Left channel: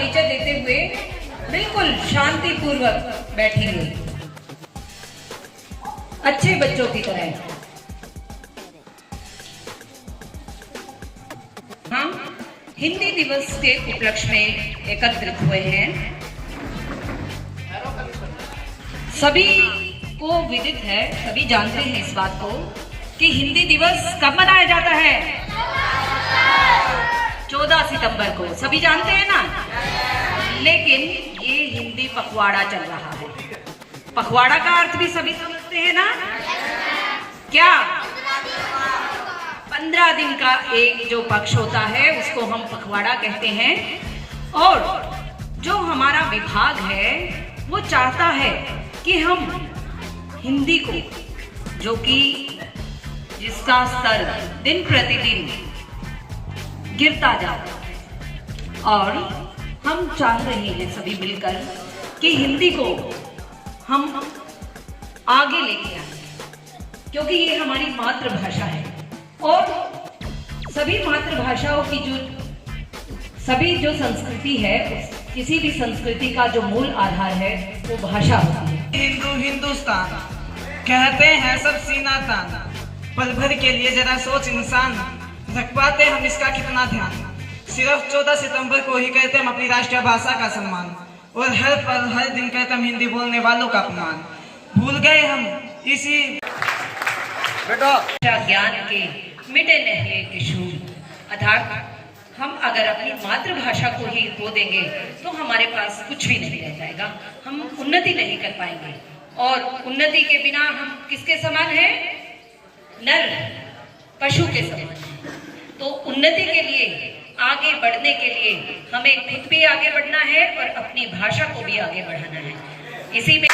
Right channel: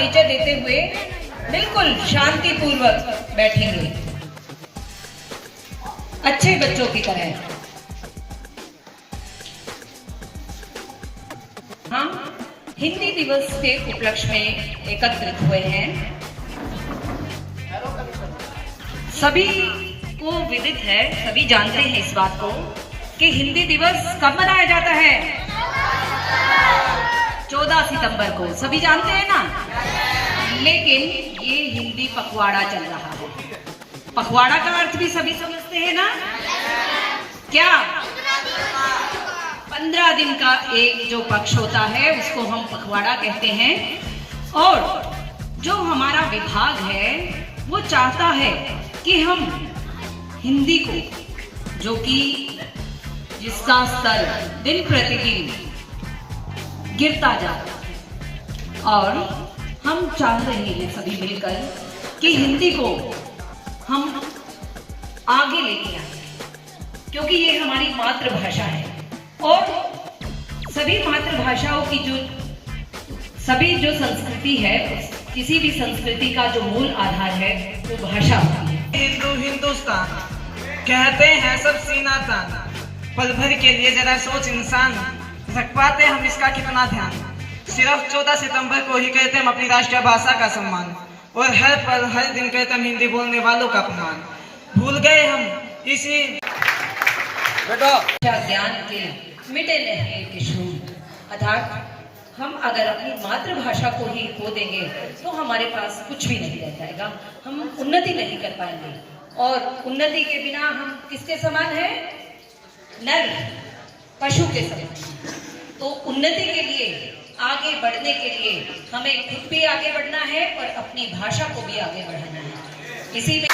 परिचय देते हुए बिल्कुल शांतिपूर्वक बैठेंगे, अच्छे बच्चों की तरह। हम हिंदी दिवस के उपलक्ष्य में एकत्रित हुए हैं। सभी को विदित है, सभी जानते हैं इस बात को कि हिंदी दिवस कब मनाया जाता है? 14 सितंबर को। सभी जानते हैं ना? लेकिन ये हिंदी पखवाड़ा चल रहा है। पखवाड़ा का अर्थ भी सभी समझते हैं ना? क्या? 15 दिन का एक जो पक्ष होता है उसको हम पखवाड़ा कहते हैं। और जो हमारा विभाग है वो चाहता है कि हम हिंदी को, जो कि जिसका स्तर दिन प्रतिदिन गिरता जाता है, और हम चाह रहे हैं सभी मिलकर कि हिंदी को हम आगे लेके आए, क्योंकि ये हमारी मातृभाषा है। और सभी मातृभाषाओं की सभी जो संस्कृति है, किसी भी संस्कृति का जो मूल आधार है वो भाषा होती है। हिंदुस्तान कहते हैं सब सीना तान, पल भर के लिए जरा सोच इंसान, रख पाते हम इसका कितना ध्यान। सिर्फ 14 सितंबर को ही कहते हम अपनी राष्ट्रीय भाषा का सम्मान, और हर पल हर दिन कहते हम हिंदी बोलने वालों का अपमान। भूल गए हम इसी ज्ञान के मिटे नहीं किशोर, अर्थात हम अगर अपनी मातृभाषा को ही खो देंगे तो हमारे पास कुछ भी नहीं रह जाएगा, हम उन्नति नहीं कर पाएंगे। और उन्नति के बिना हम किसके समान हैं? नर पशु के समान। तो उन्नति के लिए, आगे बढ़ने के लिए हमें खुद भी आगे बढ़ना है और अपनी भाषा को भी आगे बढ़ाना है। इसी में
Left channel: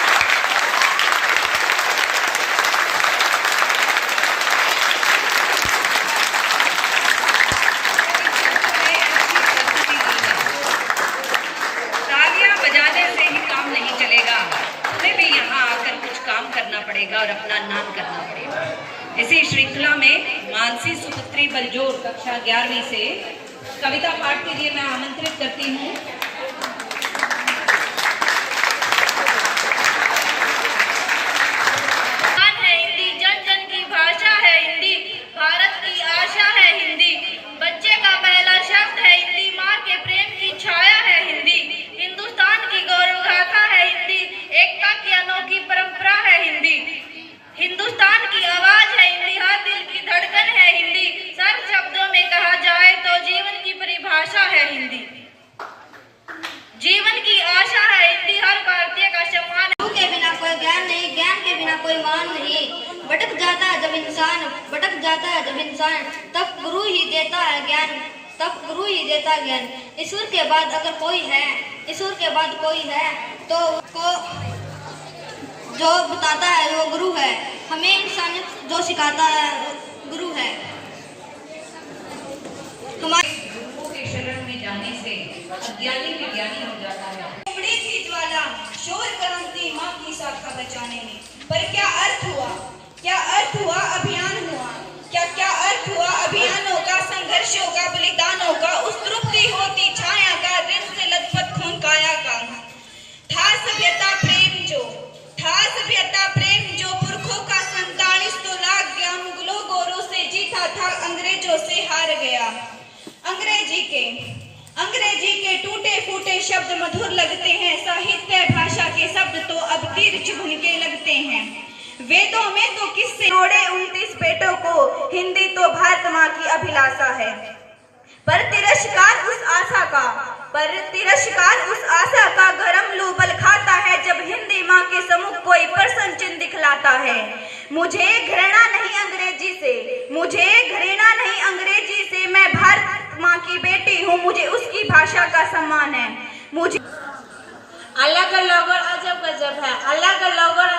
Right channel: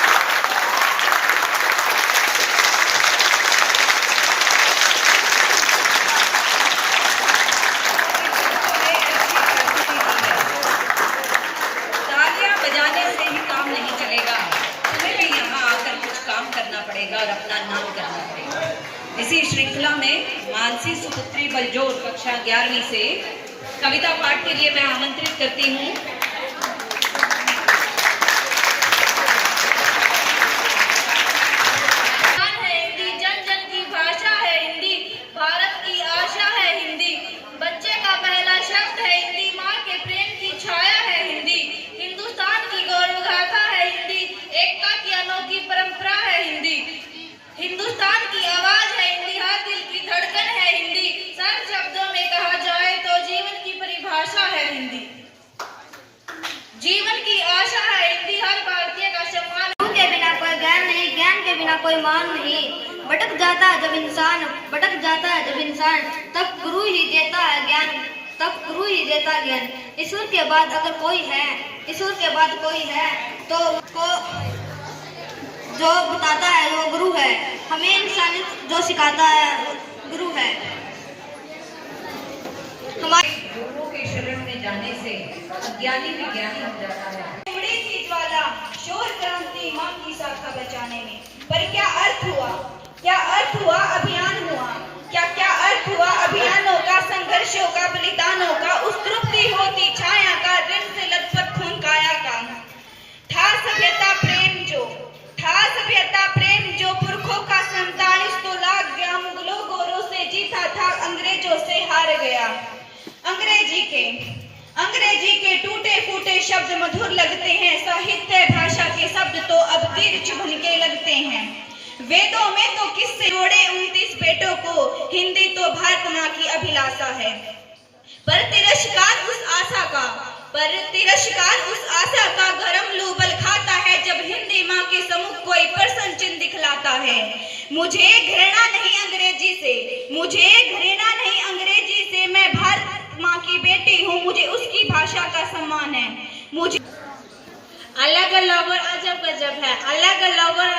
पड़ेगा और अपना नाम करना पड़ेगा। इसी श्रृंखला में मानसी सुपुत्री बलजोर कक्षा 11वीं से कविता पाठ के लिए मैं आमंत्रित करती हूँ। हिंदी जन जन की भाषा है, हिंदी भारत की आशा है, हिंदी बच्चे का पहला शब्द है, हिंदी माँ के प्रेम की छाया है, हिंदी हिंदुस्तान की गौरव गाथा है, हिंदी एकता की अनोखी परंपरा है, हिंदी हिंदुस्तान की आवाज है, हिंदी हर दिल की धड़कन है, हिंदी सरल शब्दों में कहा जाए तो जीवन की परिभाषा है, हिंदी जीवन की आशा है, हिंदी हर भारतीय का सम्मान। गुरु के बिना कोई ज्ञान नहीं, ज्ञान के बिना कोई मान नहीं। भटक जाता है जब इंसान, भटक जाता है जब इंसान, तब गुरु ही देता है ज्ञान, तब गुरु ही देता ज्ञान। ईश्वर के बाद अगर कोई है, ईश्वर के बाद कोई है तो उसको जो बताता है वो गुरु है। हमें इंसानियत जो सिखाता है वो गुरु है। हमारे गुरु के शरण में जाने से अज्ञानी भी ज्ञानी हो जाता है। बड़ी थी ज्वाला शोर क्रांति माँ की शाखा बचाने में, पर क्या अर्थ हुआ, क्या अर्थ हुआ अभियान हुआ, क्या अर्थ हुआ अभियानों का, संघर्षों का, बलिदानों का, उस तृप्ति होती छाया का, ऋण से लथपथ खून काया का। था सभ्यता प्रेम जो, था सभ्यता प्रेम जो पुरखों का 47 तो लाग गया, मुगलों गोरों से जीता था, अंग्रेजों से हार गया। अंग्रेजी के टूटे फूटे शब्द मधुर लगते हैं, साहित्य भाषा के शब्द तो अब तीर चुभन के लगते हैं। वेदों में तो किससे जोड़े 29 बेटों को, हिंदी तो भारत माँ की अभिलाषा है। पर तिरस्कार उस आशा का गरम लू बल खाता है, जब हिंदी माँ के सम्मुख कोई प्रश्न चिन्ह दिखलाता है। मुझे घृणा नहीं अंग्रेजी से, मुझे घृणा नहीं अंग्रेजी से, मैं भारत माँ की बेटी हूँ, मुझे उसकी भाषा का सम्मान है। मुझे अलग अलग और अजब गजब है, अलग अलग और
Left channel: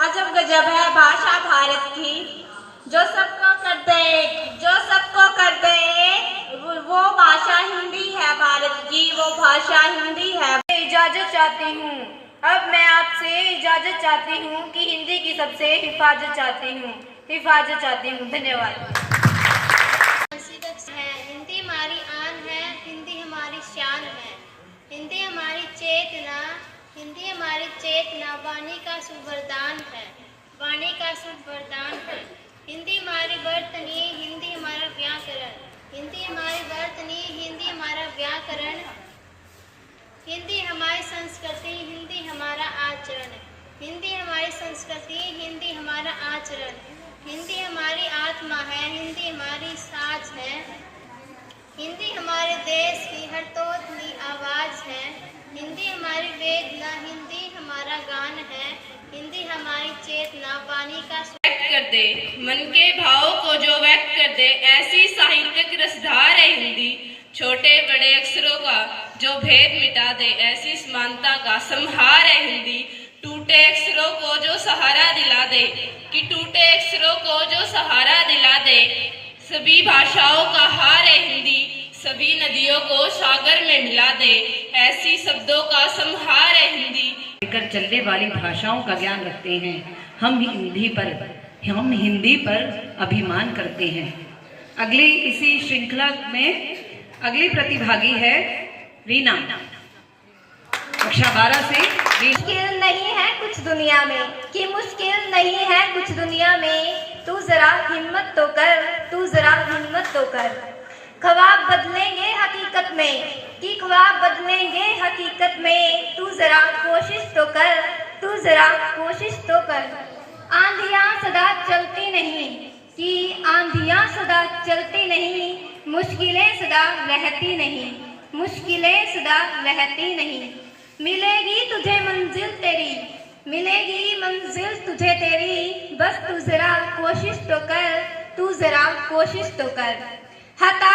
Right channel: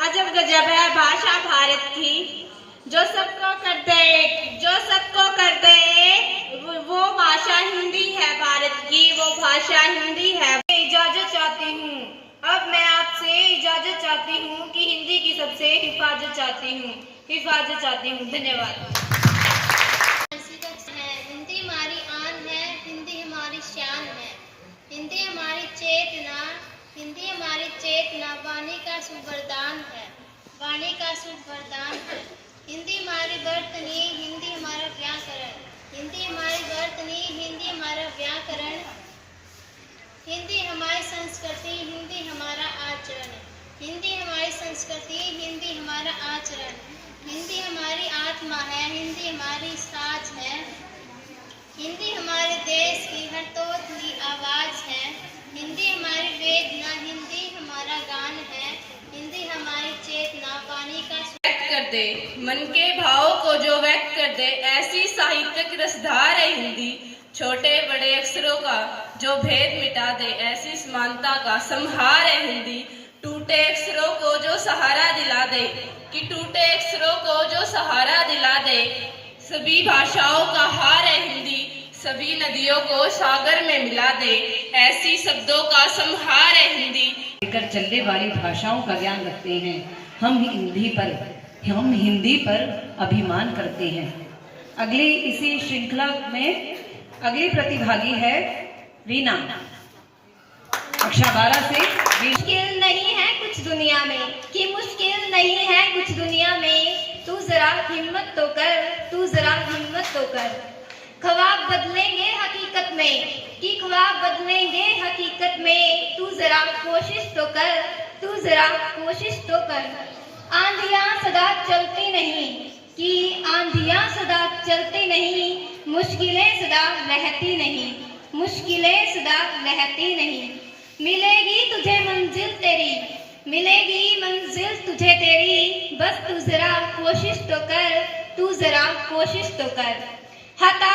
अजब गजब है भाषा भारत की, जो सबको कर दे वो भाषा हिंदी है भारत की, वो भाषा हिंदी है। इजाजत चाहती हूँ, अब मैं आपसे इजाजत चाहती हूँ कि हिंदी की सबसे हिफाजत चाहती हूँ। धन्यवाद। हिंदी हमारी आन है, हिंदी हमारी शान है, हिंदी चेतना वाणी का शुभ वरदान है, वाणी का शुभ वरदान है। हिंदी हमारी वर्तनी, हिंदी हमारा व्याकरण, हिंदी हमारी वर्तनी, हिंदी हमारा व्याकरण, हिंदी हमारी संस्कृति, हिंदी हमारा आचरण, हिंदी हमारी संस्कृति, हिंदी हमारा आचरण, हिंदी हमारी आत्मा है, हिंदी हमारी साज है, हिंदी हमारे देश की हर तोतली आवाज है, हिंदी हमारी वेदना, हिंदी हमारा गान है, हिंदी हमारी चेतना वाणी का व्यक्त कर दे, मन के भाव को जो व्यक्त कर दे, ऐसी साहित्यिक रसधार है हिंदी। छोटे बड़े अक्षरों का जो भेद मिटा दे, ऐसी समानता का संहार है हिंदी। टूटे अक्षरों को जो सहारा दिला दे, कि टूटे अक्षरों को जो सहारा दिला दे, सभी भाषाओं का हार है हिंदी। सभी नदियों को सागर में मिला दे, ऐसी शब्दों का संहार है हिंदी। लेकर चलने वाली भाषाओं का ज्ञान रखते हैं। हम हिंदी पर अभिमान करते हैं। अगली इसी श्रृंखला में अगली प्रतिभागी है रीना, कक्षा 12 से। मुश्किल नहीं है कुछ दुनिया में, कि मुश्किल नहीं है कुछ दुनिया में, तू जरा हिम्मत तो कर, तू जरा हिम्मत तो कर। ख्वाब बदलेंगे हकीकत में, कि ख्वाब बदलेंगे हकीकत में, तू जरा कोशिश तो कर, तू जरा कोशिश तो कर। आंधियां सदा चलती नहीं, कि आंधियां सदा चलती नहीं, मुश्किलें सदा रहती नहीं, मुश्किलें सदा रहती नहीं। मिलेगी तुझे मंजिल तेरी, मिलेगी मंजिल तुझे तेरी, बस तू जरा कोशिश तो कर, तू जरा कोशिश तो कर। हता